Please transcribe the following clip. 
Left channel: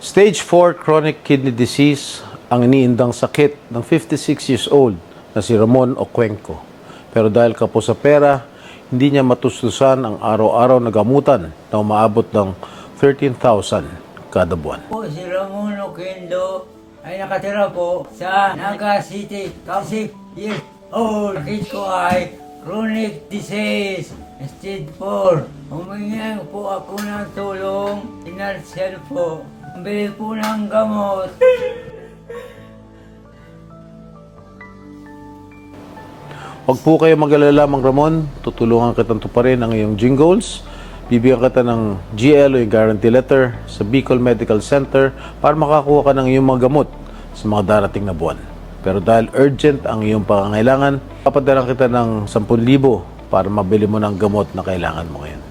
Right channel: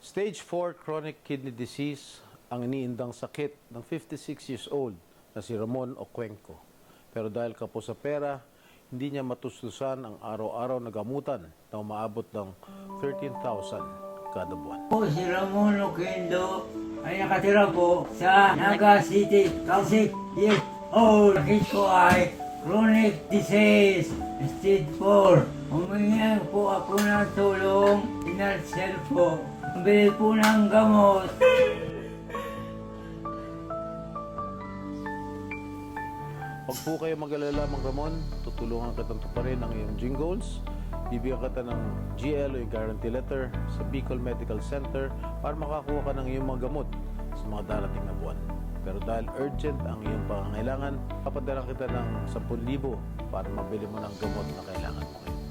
Stage 4 chronic kidney disease ang iniindang sakit ng 56 years old na si Ramon Ocuenco. Pero dahil kapos sa pera, hindi niya matustusan ang araw-araw na gamutan na umaabot ng 13,000 kada buwan. Si Ramon Oquendo ay nakatira po sa Naga City, 56 years old. Sakit ko ay chronic disease, stage 4. Humingi po ako ng tulong, financial po. Bili po ng gamot. Huwag po kayo mag-alala, Mang Ramon. Tutulungan kitang tuparin ang iyong gym goals. Bibigyan kita ng GL o yung guarantee letter sa Bicol Medical Center para makakuha ka ng iyong mga gamot sa mga darating na buwan. Pero dahil urgent ang iyong pangangailangan, papadalan kita ng 10,000 para mabili mo ng gamot na kailangan mo ngayon.